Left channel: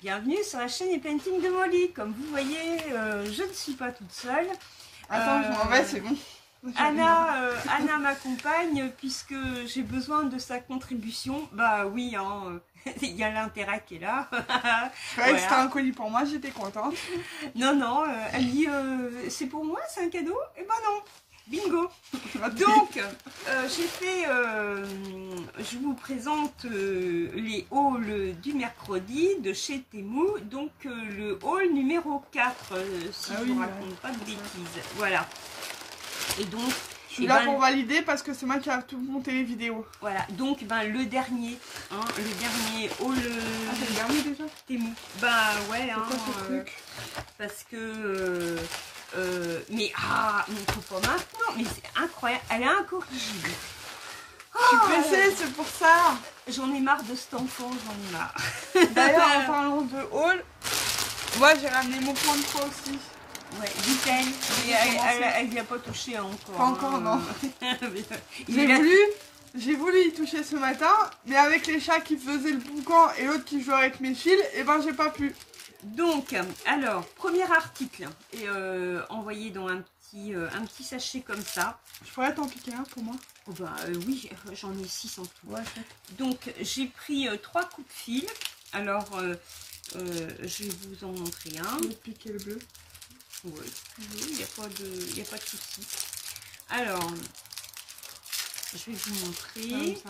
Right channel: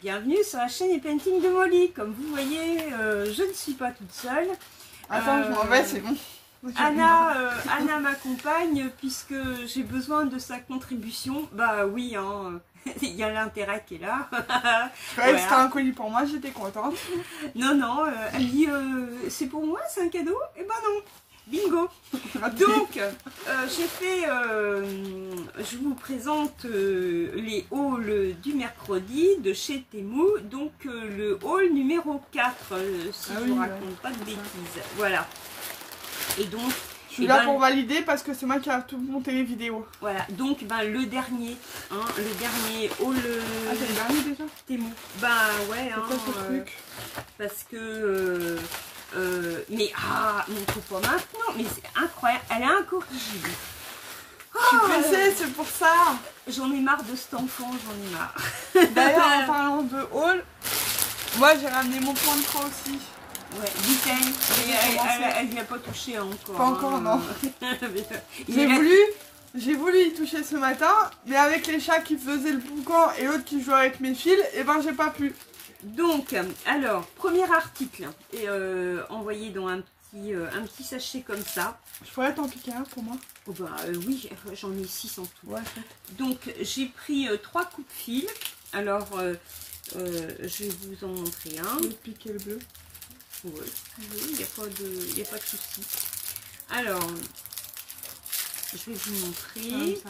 Bienvenue sur la chaîne Painting de Molly. Comme vous voyez, je ne suis pas toute seule. Attends, je m'en vais, c'est bon. Anna m'accompagne puisque j'ai besoin de sa contribution. Bah oui, hein, il y a l'intérêt qui est là. Ouais, voilà. C'était un colis pour moi, j'étais contente. Non, elle dit c'est pour moi, c'est un cadeau. Eh ben non, bingo. Donc, je vous présente les hauls du mercredi de chez Temu. Donc, le haul numéro 4, si je ne raconte pas de bêtises. Voilà. Et donc, je suis là pour valider parce que c'est moi qui a tout monté les vidéos. Voilà, donc le dernier, hein, le dernier haul. Ah, c'est le dernier déjà Temu. Bah ouais, c'est quoi ce truc? Parce que. Mais faut pas maintenant, mais c'est incroyable, elle est incorrigible. Je suis pressée, c'est pour ça. J'en ai marre de cet enfant, j'en ai marre. D'ailleurs, en parlant de haul, moi j'ai ramené mon point de croix aussi. Ouais, dit-elle. Elle n'y a pas touché encore. Pas encore, non. J'ai voulu y toucher ce matin, mais avec les chats qui faisaient le boucan et l'autre qui jouait avec mes fils, et ben j'ai pas pu. Donc, alors, premier article, et envoyé dans un petit sachet comme ça. Je pourrais t'en piquer un pour moi? Oh bah oui, j'en ai 6 en tout. Ouais, donc, j'ai pris 3 coups de fil. Alors, je vais vous en montrer un. Je vais piquer le bleu. Oui, il n'y a pas de souci. Alors, je vais vous montrer.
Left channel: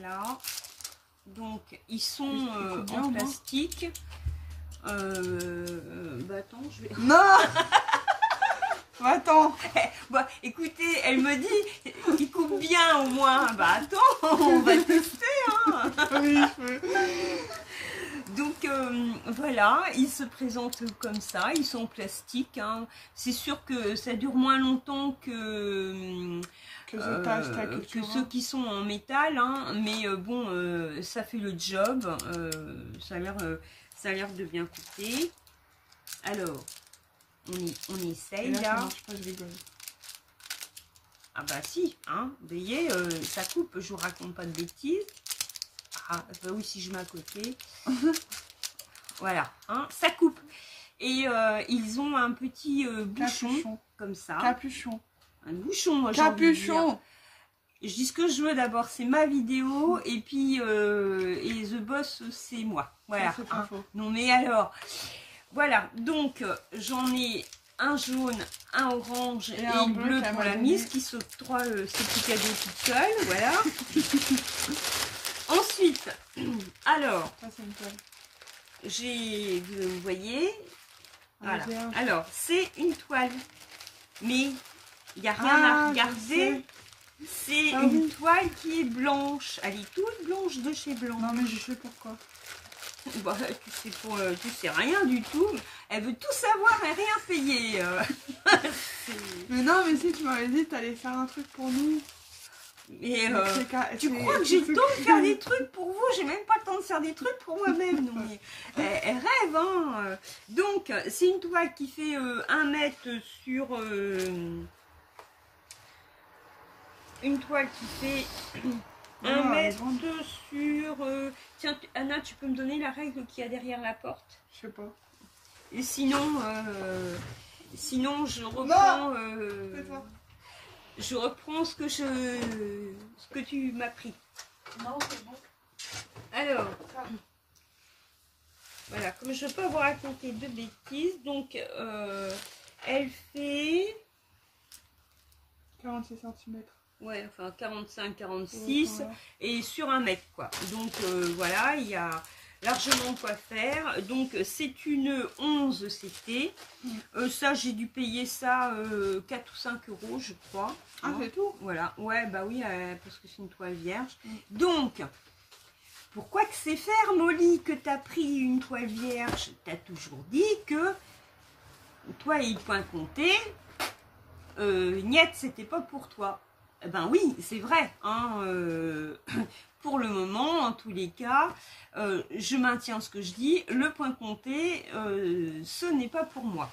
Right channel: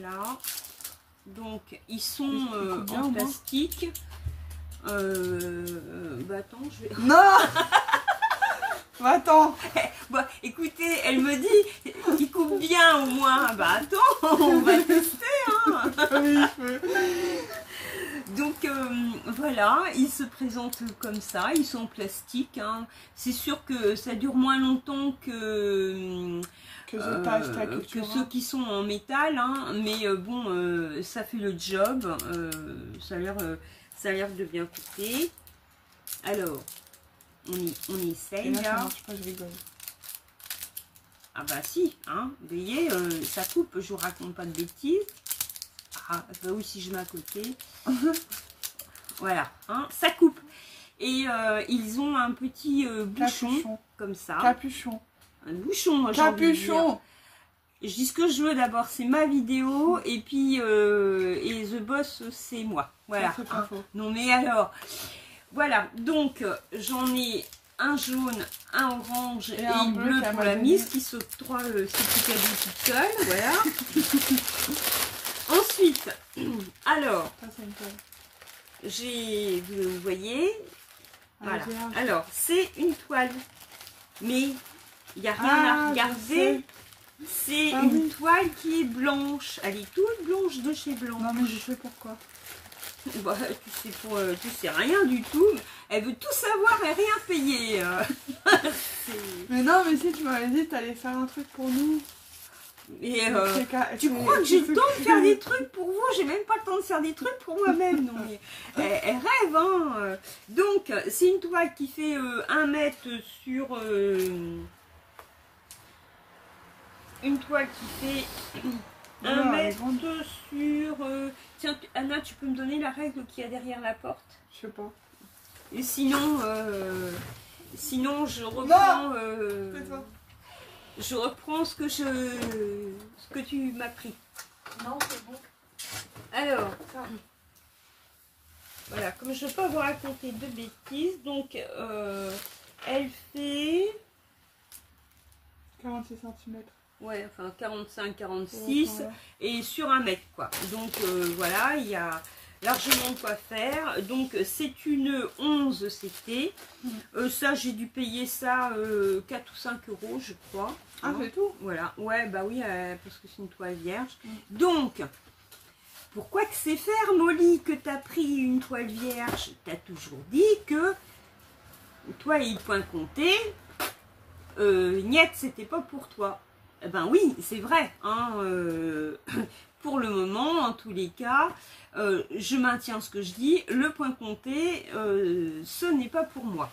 Là. Donc, ils sont en plastique. Bah attends, je vais... Non. Attends. Bah écoutez, elle me dit, il coupe bien au moins. Bah attends, on va tester. Hein. Donc voilà, ils se présentent comme ça, ils sont en plastique. Hein. C'est sûr que ça dure moins longtemps que ceux qui sont en métal, hein. Mais bon, ça fait le job. Ça a l'air de bien couper. Alors, on essaye là. Ça marche pas, je rigole. Ah bah si, hein. Vous voyez, ça coupe. Je vous raconte pas de bêtises. Ah bah oui, si je mets à côté. Voilà, hein, ça coupe. Et ils ont un petit bouchon comme ça. Capuchon. Un bouchon, moi. Capuchon. Je dis ce que je veux d'abord, c'est ma vidéo. Et puis, et The Boss, c'est moi. Voilà. C'est pas faux. Non mais alors, voilà. Donc, j'en ai un jaune, un orange et un bleu pour la mise qui s'octroie ce petit cadeau toute seule. Voilà. Ensuite, alors, vous voyez, voilà. Alors, c'est une toile, mais il n'y a rien à regarder. C'est une toile qui est blanche. Elle est toute blanche de chez Blanc. Non, mais je sais pourquoi. Bah, tu sais rien du tout. Elle veut tout savoir et rien payer. Mais non, mais si tu m'avais dit que tu allais faire un truc pour nous. Et tu crois que j'ai le temps de faire des trucs pour vous? J'ai même pas le temps de faire des trucs pour moi-même. Non mais elle rêve, hein. Donc c'est une toile qui fait 1 mètre sur une toile qui fait 1 mètre sur tiens Anna, tu peux me donner la règle qu'il y a derrière la porte? Je sais pas. Et sinon je reprends je reprends ce que tu m'as pris. Non, c'est bon. Alors, voilà, comme je ne veux pas vous raconter de bêtises, donc elle fait 46 cm. Ouais, enfin 45-46 voilà. Et sur 1 mètre quoi. Donc voilà, il y a largement de quoi faire. Donc c'est une 11 CT. Ça j'ai dû payer ça 4 ou 5 euros je crois. Ah c'est tout? Voilà, ouais bah oui parce que c'est une toile vierge. Donc pourquoi que c'est faire Molly que tu as pris une toile vierge? Tu as toujours dit que toi et le point compté, niet c'était pas pour toi. Eh ben oui, c'est vrai. Hein, pour le moment, en tous les cas, je maintiens ce que je dis. Le point compté, ce n'est pas pour moi.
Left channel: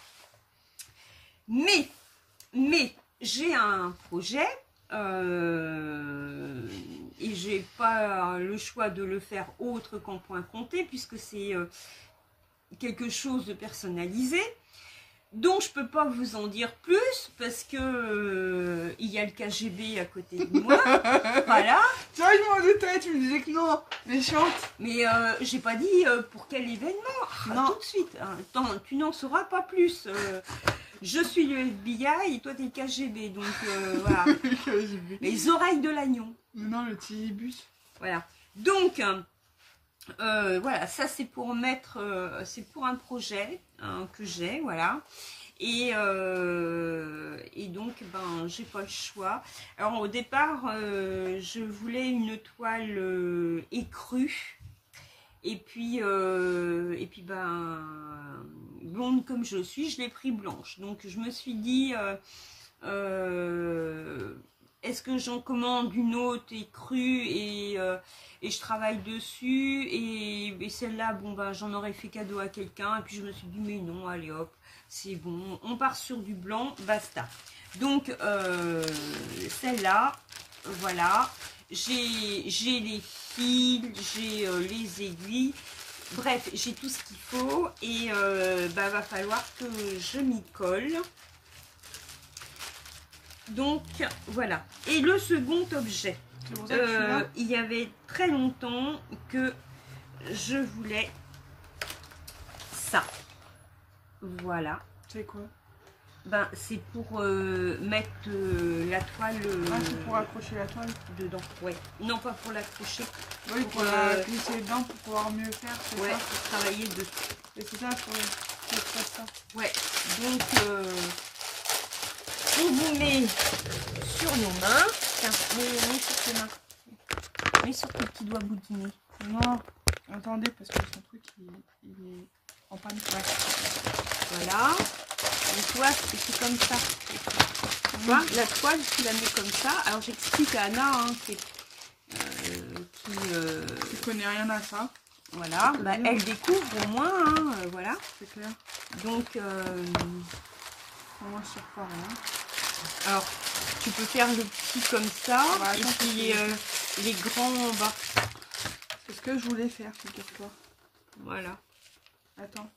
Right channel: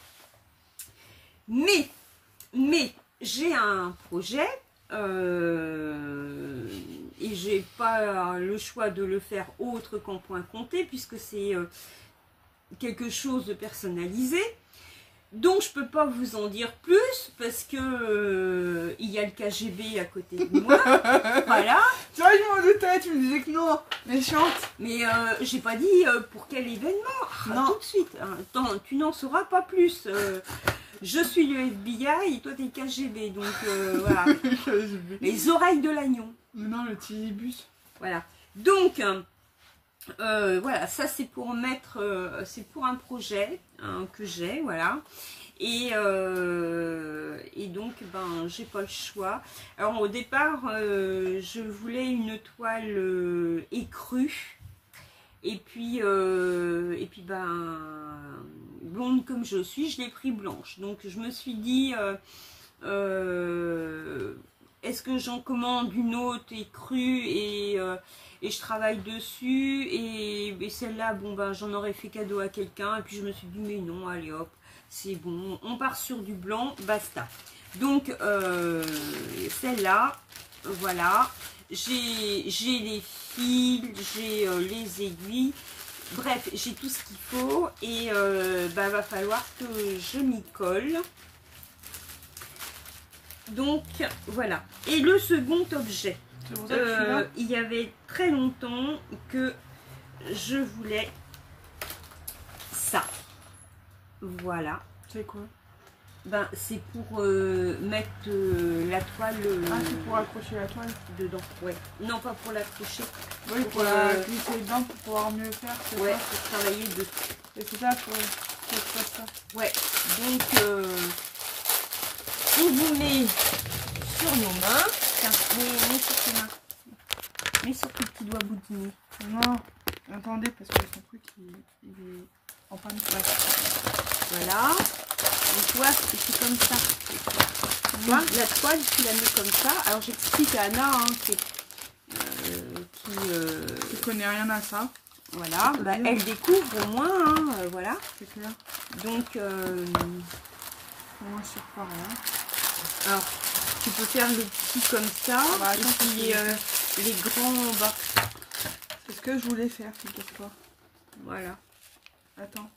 Mais j'ai un projet et j'ai pas le choix de le faire autre qu'en point compté puisque c'est quelque chose de personnalisé. Donc je peux pas vous en dire plus parce que il y a le KGB à côté de moi. Voilà. Tu vois, je m'en doutais, tu me disais que non, méchante. Mais j'ai pas dit pour quel événement. Non. Tout de suite. Hein. Attends, tu n'en sauras pas plus. Je suis le FBI et toi t'es le KGB. Donc voilà. Les oreilles de l'agneau. Non, le Tilibus. Voilà. Donc voilà, ça c'est pour mettre, c'est pour un projet que j'ai, voilà. Et donc, ben, j'ai pas le choix. Alors au départ, je voulais une toile écrue. Et puis ben, blonde comme je suis, je l'ai pris blanche. Donc je me suis dit, est-ce que j'en commande une autre écrue et je travaille dessus et celle-là, bon ben j'en aurais fait cadeau à quelqu'un et puis je me suis dit mais non, allez hop, c'est bon, on part sur du blanc, basta. Donc celle-là, voilà, j'ai les fils, j'ai les aiguilles, bref, j'ai tout ce qu'il faut et ben, va falloir que je m'y colle. Donc voilà. Et le second objet, il y avait très longtemps que je voulais ça. Voilà. C'est quoi? Ben c'est pour mettre la toile. Ah, c'est pour accrocher la toile dedans. Ouais. Non, pas pour l'accrocher. Oui, pour la glisser dedans pour pouvoir mieux faire. Ouais, pour travailler dessus. Et c'est ça, faut faire ça. Ouais. Donc on vous met sur nos mains. Tiens, mets sur tes mains. Mets sur tes petits doigts boudinés. Non, attendez, parce que son truc, il est en panne. Voilà. Donc, tu vois, c'est comme ça. Tu vois, la toile, tu la mets comme ça. Alors, j'explique à Anna, hein, qui connaît rien à ça. Voilà, bah, elle découvre au moins, hein, voilà. C'est clair. Donc, au moins sur pas rien. Alors, tu peux faire les petits comme ça, bah, et puis les grands en bas. C'est ce que je voulais faire, figure-toi. Voilà. Attends.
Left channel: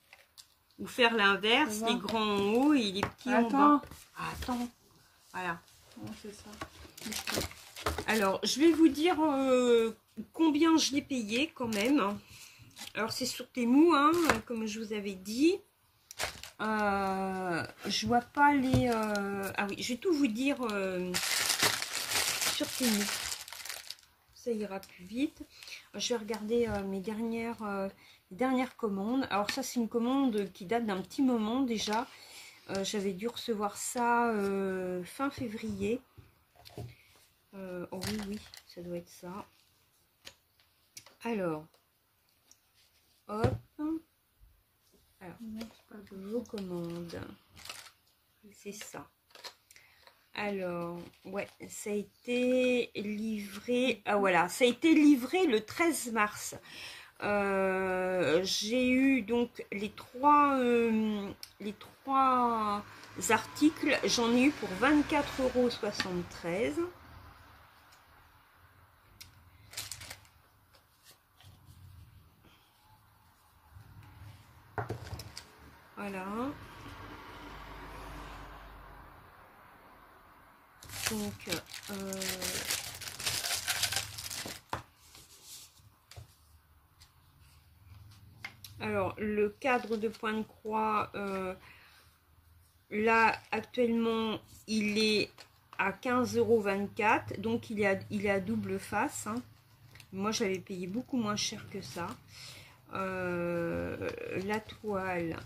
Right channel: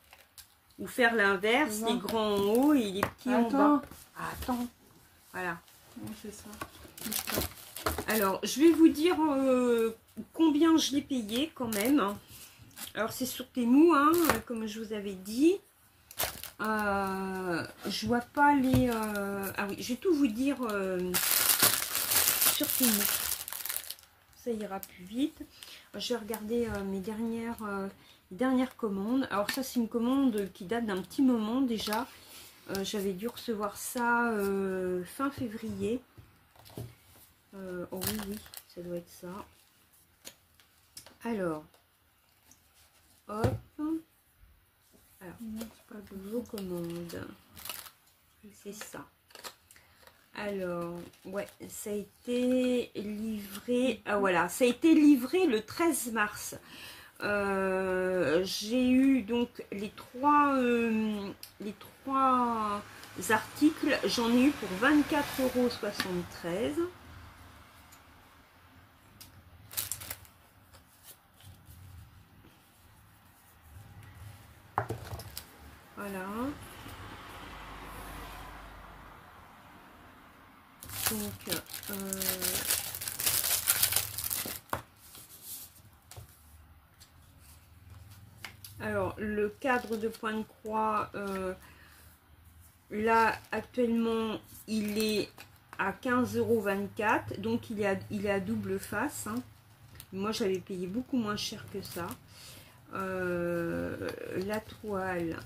Ou faire l'inverse, les grands en haut et les petits en bas. Attends. Voilà. C'est ça. Alors, je vais vous dire combien je l'ai payé quand même. Alors, c'est sur Temu, hein, comme je vous avais dit. Je vois pas les... Ah oui, je vais tout vous dire sur Temu. Ça ira plus vite. Je vais regarder mes dernières commandes. Alors ça, c'est une commande qui date d'un petit moment déjà. J'avais dû recevoir ça fin février. Oh oui, oui, ça doit être ça. Alors, hop. Alors, vos commandes. C'est ça. Alors, ouais, ça a été livré. Ah voilà, ça a été livré le 13 mars. J'ai eu donc les trois articles. J'en ai eu pour 24,73 €. Voilà. Donc, alors, le cadre de point de croix, là, actuellement, il est à 15,24 €. Donc, il est à double face. Hein. Moi, j'avais payé beaucoup moins cher que ça. La toile.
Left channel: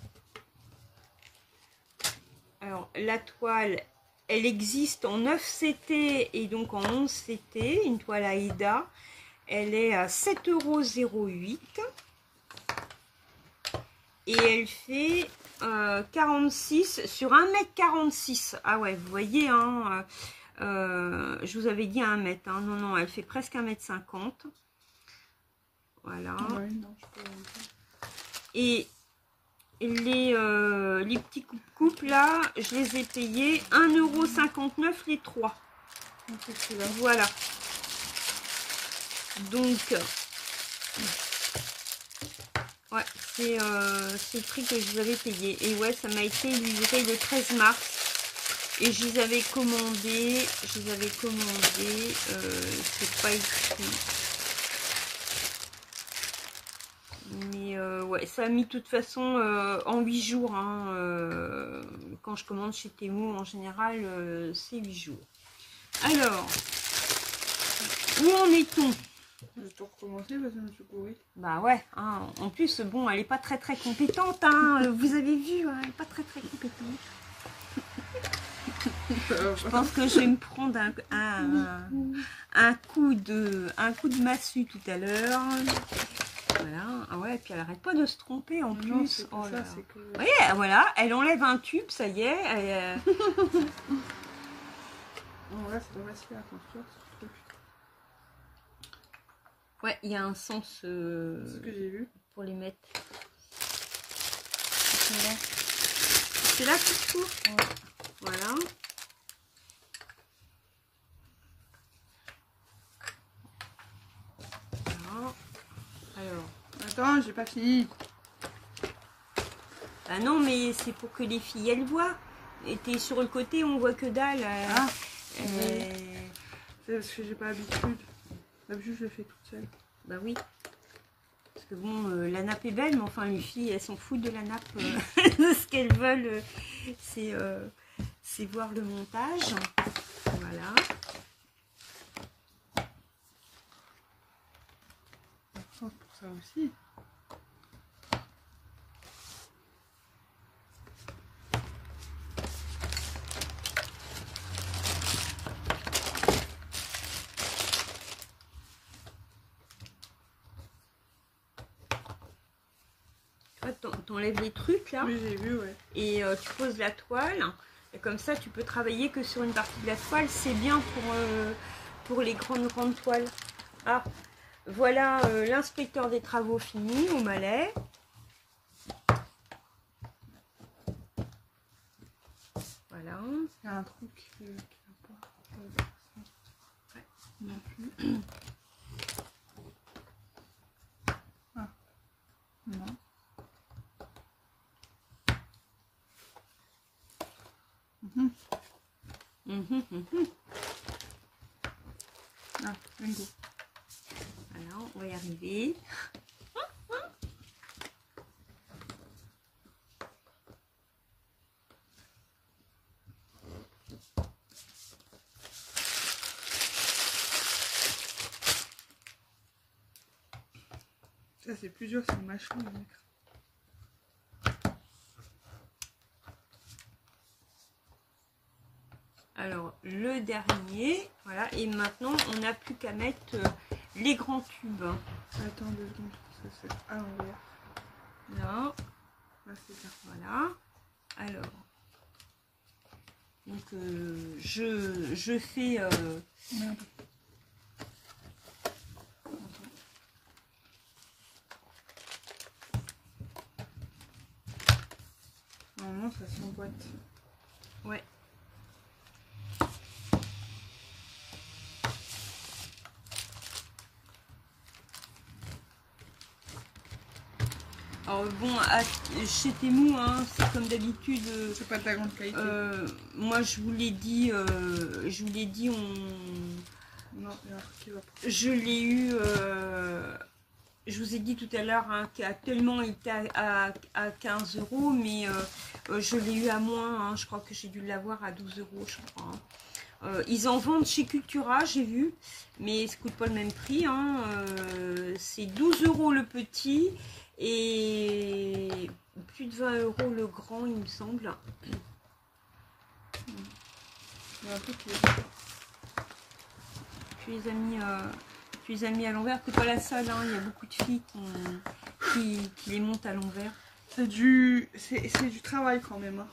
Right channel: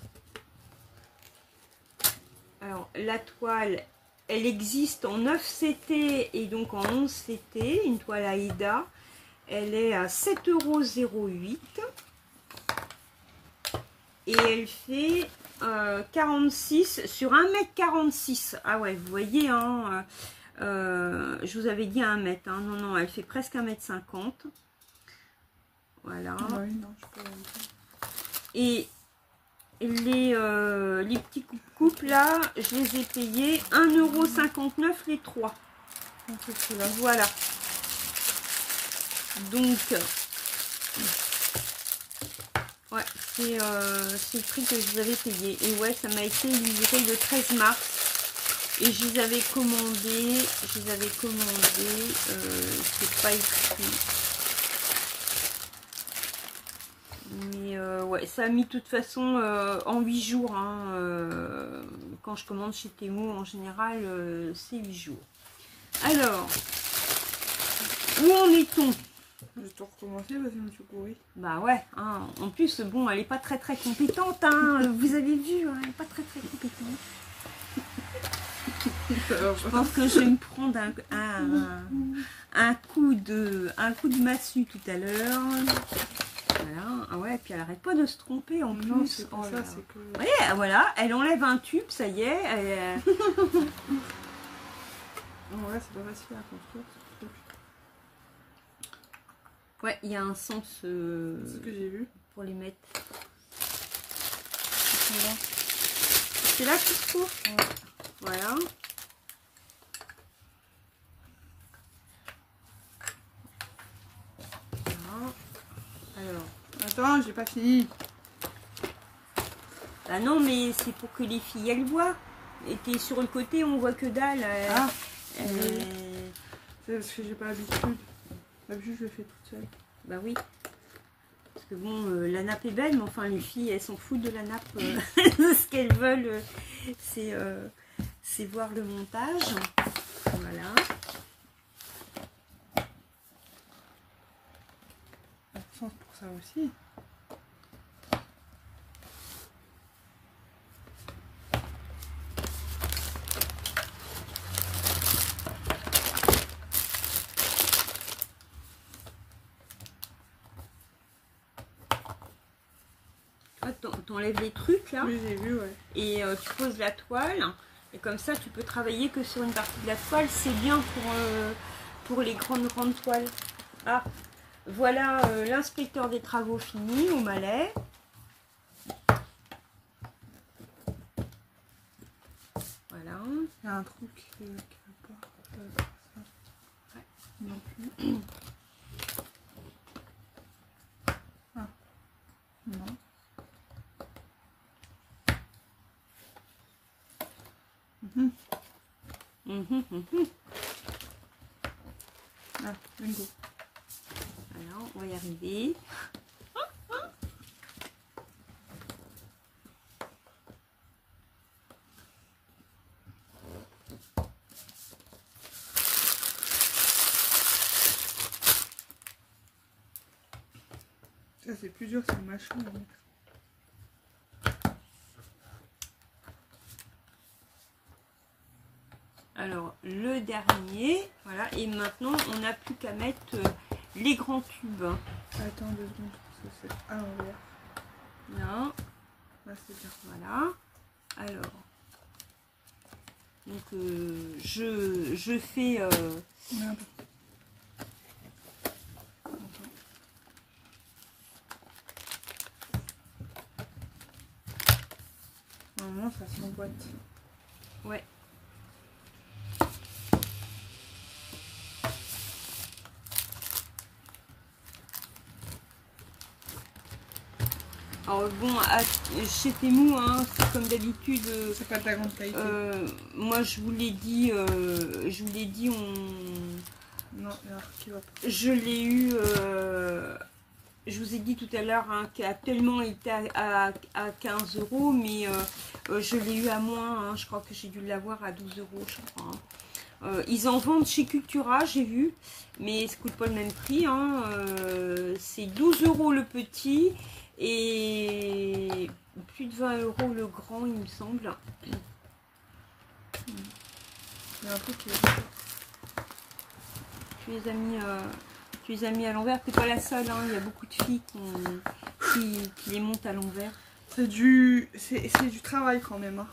Alors, la toile, elle existe en 9 CT et donc en 11 CT. Une toile Aïda. Elle est à 7,08 €. Et elle fait 46 sur 1,46 m. Ah ouais, vous voyez, hein, je vous avais dit 1 m. Hein. Non, non, elle fait presque 1,50 m. Voilà. Ouais, non, je peux... Et les petits coupes là, je les ai payés 1,59 € les 3. Donc, c'est là. Voilà. Donc, ouais, c'est le prix que je vous avais payé. Et ouais, ça m'a été livré le 13 mars. Et je les avais commandés, c'est pas écrit. Mais ouais, ça a mis de toute façon en 8 jours. Hein, quand je commande chez Temu, en général, c'est 8 jours. Alors, où en est-on? Je vais tout recommencer parce que je me suis courue. Bah ouais, hein, en plus, bon, elle est pas très compétente. Hein, vous avez vu, hein, elle est pas très compétente. Je pense que je vais me prendre un coup de massue tout à l'heure. Voilà. Ah ouais, puis elle arrête pas de se tromper en plus. Non, c'est pas ça, c'est que... Oui, voilà, elle enlève un tube, ça y est. Elle, Non, là, c'est pas facile à construire ce truc. ouais, il y a un sens C'est ce que j'ai vu. pour les mettre. C'est là qu'il faut. Ouais. Voilà. Alors. Attends, j'ai pas fini. Ah non, mais c'est pour que les filles elles voient. Et t'es sur le côté, on voit que dalle. Ah. C'est parce que j'ai pas l'habitude. D'habitude, je le fais toute seule. Bah oui. Parce que bon, la nappe est belle, mais enfin les filles, elles s'en foutent de la nappe. Ce qu'elles veulent, c'est voir le montage. Voilà. Sens pour ça aussi. T'enlèves les trucs là. Oui, j'ai vu, ouais. Et tu poses la toile. Et comme ça, tu peux travailler que sur une partie de la toile. C'est bien pour les grandes toiles. Ah, voilà l'inspecteur des travaux fini au Malais. Voilà. Il y a un truc qui va pas. Ça. Ouais. Non plus. Ah. Non. Ah, bingo. Voilà, on va y arriver. Ça, c'est plus dur, c'est le machin à mettre. Alors, le dernier, voilà, et maintenant, on n'a plus qu'à mettre les grands tubes. Attends 2 secondes, parce que c'est à l'envers. Là, Là, c'est bien. voilà. Alors, donc, je fais... Merde. Normalement, ça s'emboîte. Ouais. Alors bon, chez Temu, hein, c'est comme d'habitude. C'est pas de la grande qualité. Moi, je vous l'ai dit, Non, il y a un truc qui va pas. je l'ai eu. Je vous ai dit tout à l'heure hein, qu'actuellement il était à 15 €, mais je l'ai eu à moins. Hein, je crois que j'ai dû l'avoir à 12 €, je crois. Hein. Ils en vendent chez Cultura, j'ai vu, mais ça coûte pas le même prix. Hein. C'est 12 € le petit et plus de 20 € le grand, il me semble. Il y a un truc qui va pas. Tu les as mis à l'envers. T'es pas la seule, hein. Il y a beaucoup de filles qui les montent à l'envers. C'est du travail quand même. Hein.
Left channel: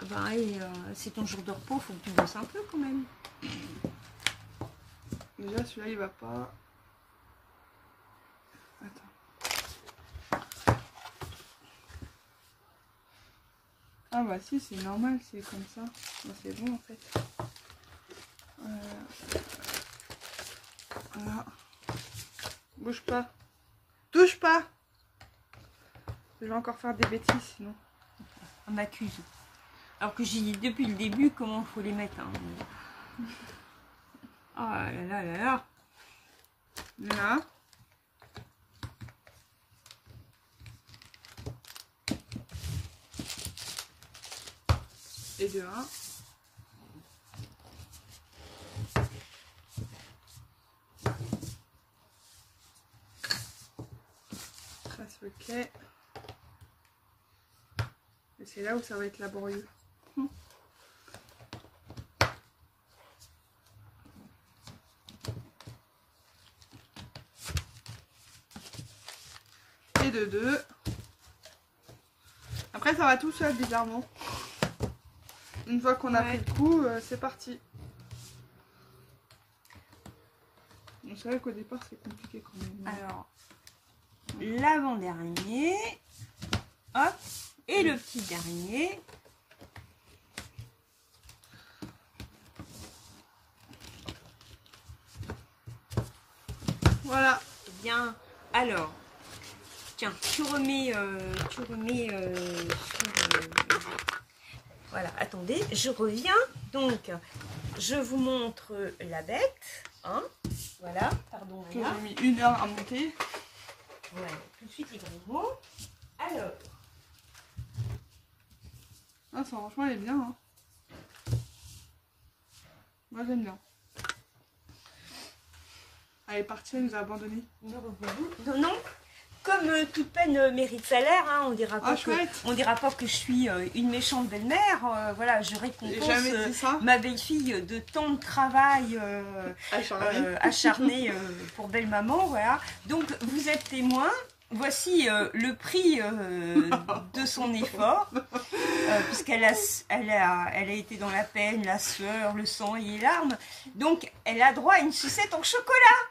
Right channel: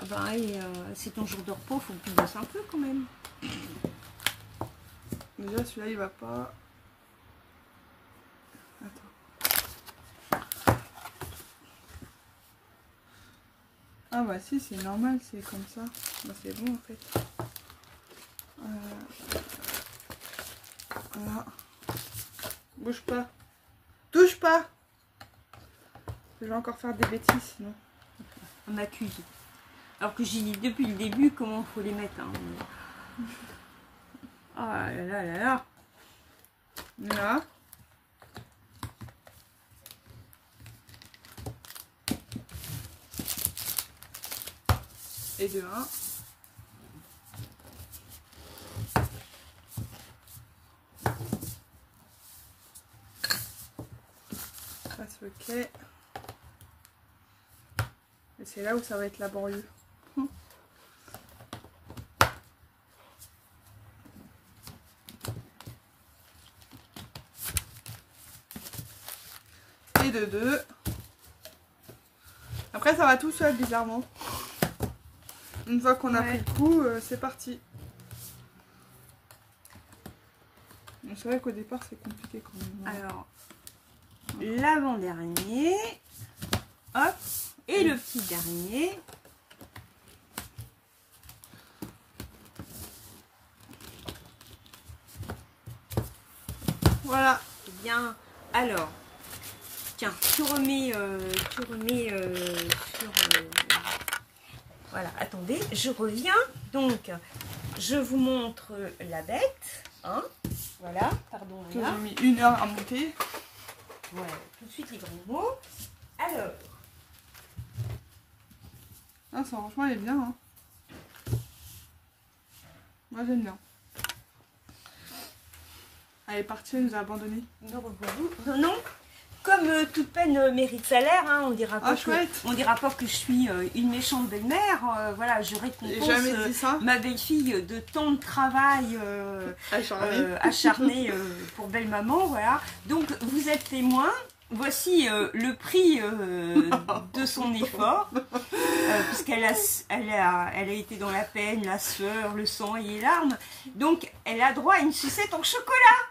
Ah bah, c'est ton jour de repos, faut que tu bosses un peu quand même. Déjà celui-là il va pas. Attends. Ah bah si, c'est normal, c'est comme ça. Bah, c'est bon en fait. Voilà. Bouge pas. Touche pas. Je vais encore faire des bêtises sinon. On m'accuse. Alors que j'ai dit depuis le début comment il faut les mettre. Hein. Oh là là là là. Là. Et de 1. Ça se fait. Et c'est là où ça va être laborieux. Et de 2. Après ça va tout seul bizarrement. Une fois qu'on a pris le coup, c'est parti. C'est vrai qu'au départ c'est compliqué quand même. Alors, l'avant-dernier, hop, et le petit dernier. Voilà. Eh bien, alors, tiens, tu remets sur... voilà, attendez, je reviens. Donc, je vous montre la bête. Hein, voilà, pardon. Que j'ai mis 1 heure à monter. Voilà, tout de suite les gros mots. Alors. Ah, ça, franchement, elle est bien. Hein. Moi, j'aime bien. Elle est partie, elle nous a abandonnés. Non, non. Comme toute peine mérite salaire, hein, on dira pas que je suis une méchante belle-mère. Voilà, je récompense ma belle-fille de tant de travail acharné pour belle-maman. Voilà. Donc, vous êtes témoin. Voici le prix de son effort, puisqu'elle a été dans la peine, la sueur, le sang et les larmes. Donc, elle a droit à une sucette en chocolat.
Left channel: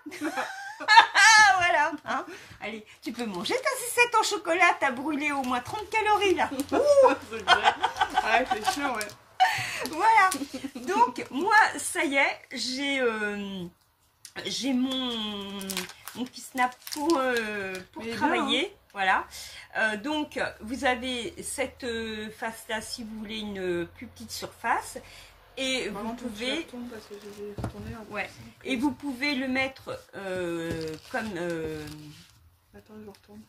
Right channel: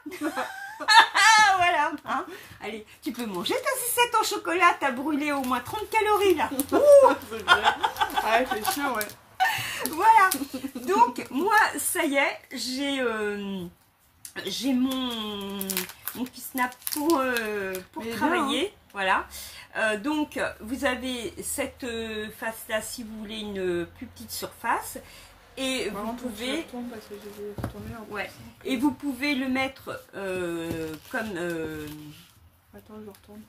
Voilà, hein. Allez, tu peux manger ta sucette en chocolat, t'as brûlé au moins 30 calories là. Ah, c'est sûr, ouais. Voilà, donc moi, ça y est, j'ai mon petit snap pour travailler. Bien, hein. Voilà, donc vous avez cette face là si vous voulez une plus petite surface. Et vous pouvez, parce que j'ai retourné un peu. Ouais. Et vous pouvez le mettre comme. Attends, je retourne.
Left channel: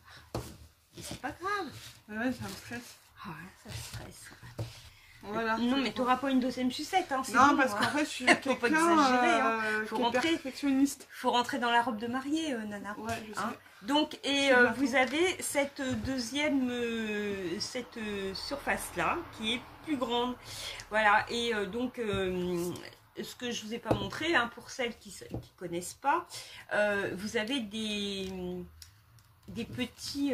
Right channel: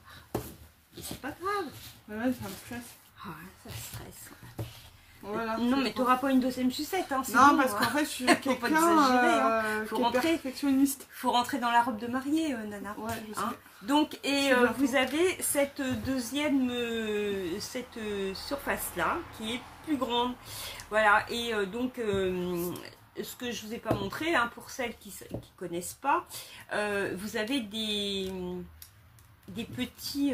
C'est pas grave. Ouais, ça me stresse. Ah, ça stresse. Voilà. Non, mais tu n'auras pas une deuxième sucette. Hein, non, bon, parce qu'en fait, je suis quelqu'un qui est perfectionniste. Il faut rentrer dans la robe de mariée, Nana. Ouais, je sais. Hein. Donc, et vous avez cette deuxième surface-là, qui est plus grande. Voilà, et donc, ce que je ne vous ai pas montré, hein, pour celles qui ne connaissent pas, vous avez des petites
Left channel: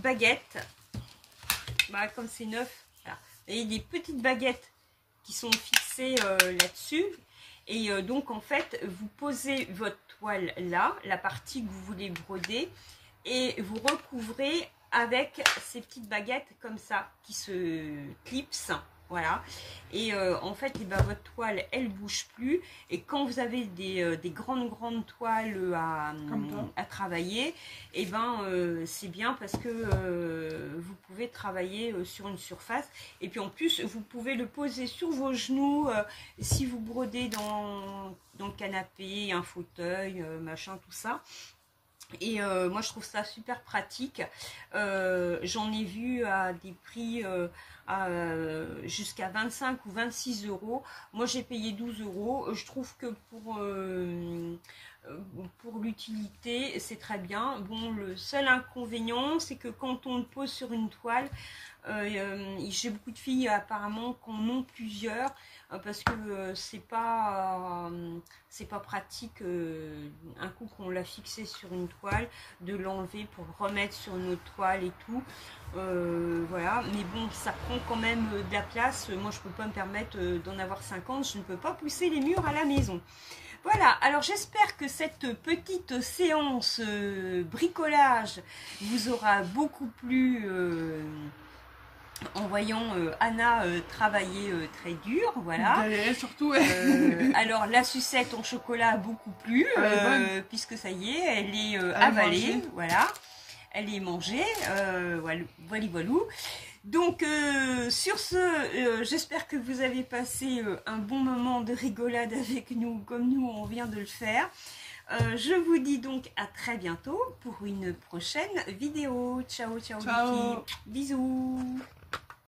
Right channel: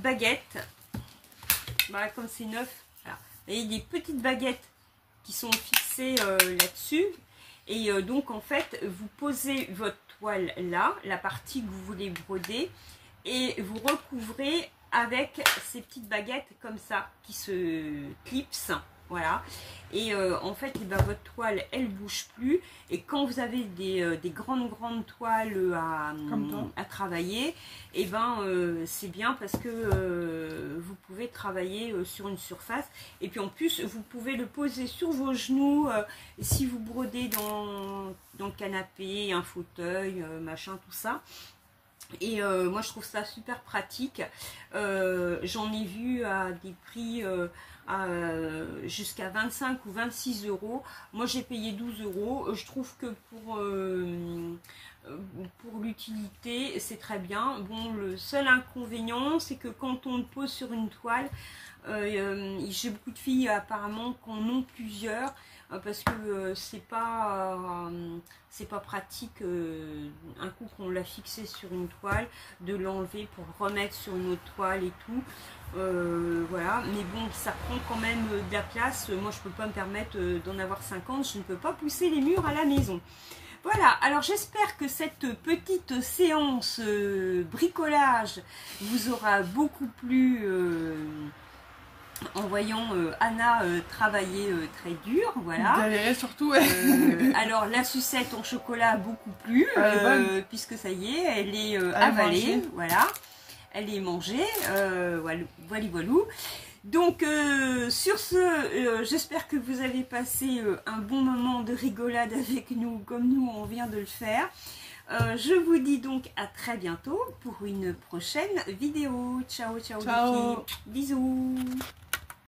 baguettes. Voilà, comme c'est neuf. Voilà. Et des petites baguettes qui sont fixées là-dessus. Et donc, en fait, vous posez votre toile là, la partie que vous voulez broder, et vous recouvrez avec ces petites baguettes comme ça, qui se clipsent. Voilà. Et en fait, eh ben, votre toile, elle bouge plus. Et quand vous avez des grandes toiles à travailler, et ben c'est bien parce que vous pouvez travailler sur une surface. Et puis en plus, vous pouvez le poser sur vos genoux si vous brodez dans le canapé, un fauteuil, machin, tout ça. Et moi, je trouve ça super pratique. J'en ai vu à des prix jusqu'à 25 ou 26 euros. Moi, j'ai payé 12 euros. Je trouve que pour l'utilité, c'est très bien. Bon, le seul inconvénient, c'est que quand on le pose sur une toile, j'ai beaucoup de filles apparemment qui en ont plusieurs. Parce que c'est pas pratique un coup qu'on l'a fixé sur une toile de l'enlever pour le remettre sur une autre toile et tout. Voilà, mais bon, ça prend quand même de la place. Moi, je peux pas me permettre d'en avoir 50. Je ne peux pas pousser les murs à la maison. Voilà, alors j'espère que cette petite séance bricolage vous aura beaucoup plu. en voyant Anna travailler très dur, voilà. Galérer surtout, alors la sucette en chocolat beaucoup plus, puisque ça y est, elle est avalée, voilà. Elle est mangée, voilà. Donc sur ce, j'espère que vous avez passé un bon moment de rigolade avec nous, comme nous on vient de le faire. Je vous dis donc à très bientôt pour une prochaine vidéo. Ciao, ciao, ciao. Les filles. Bisous.